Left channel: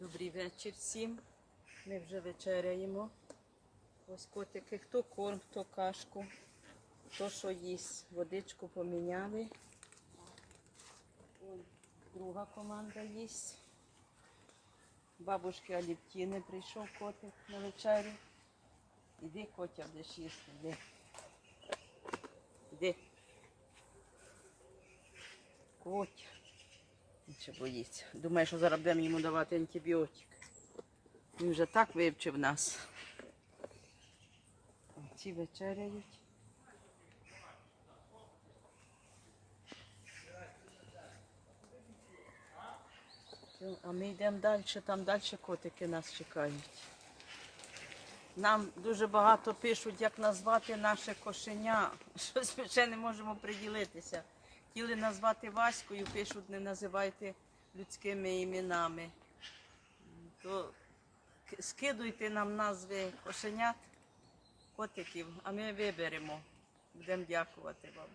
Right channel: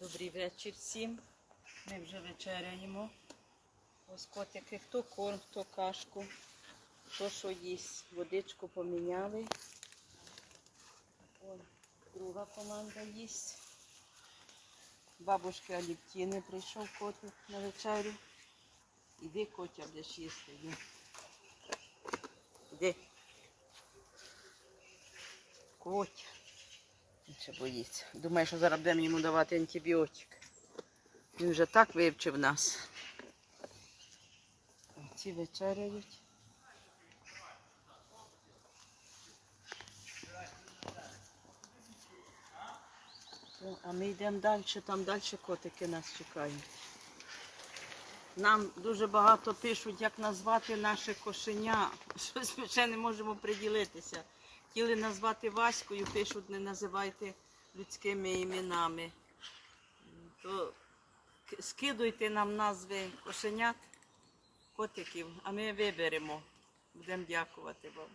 Добрий вечір всім. Ми вже вечеряємо. Ось котики, хто корм, хто кашку, хто що їсть. Водичку поміняли. Вон друга команда їсть. Бабушки Аліптіни прийшов котик на вечерю. Іди, котя, будеш їсти. Іди. Іди. Котя. Ще боїться. Думає, що зараз будемо йому давати антибіотик. Він вже так вивчив нас. Ці вечеряють. А ми йдемо далі, там далі котики нас чекають. Нам дуже багато пишуть, як назвати наше кошеня. Щось ми ще не можемо приділитися. Хотіли назвати Ваською, пишуть, не називайте людськими іменами. То скидуйте нам назви кошенят, котиків, а ми виберемо. Будемо дякувати вам.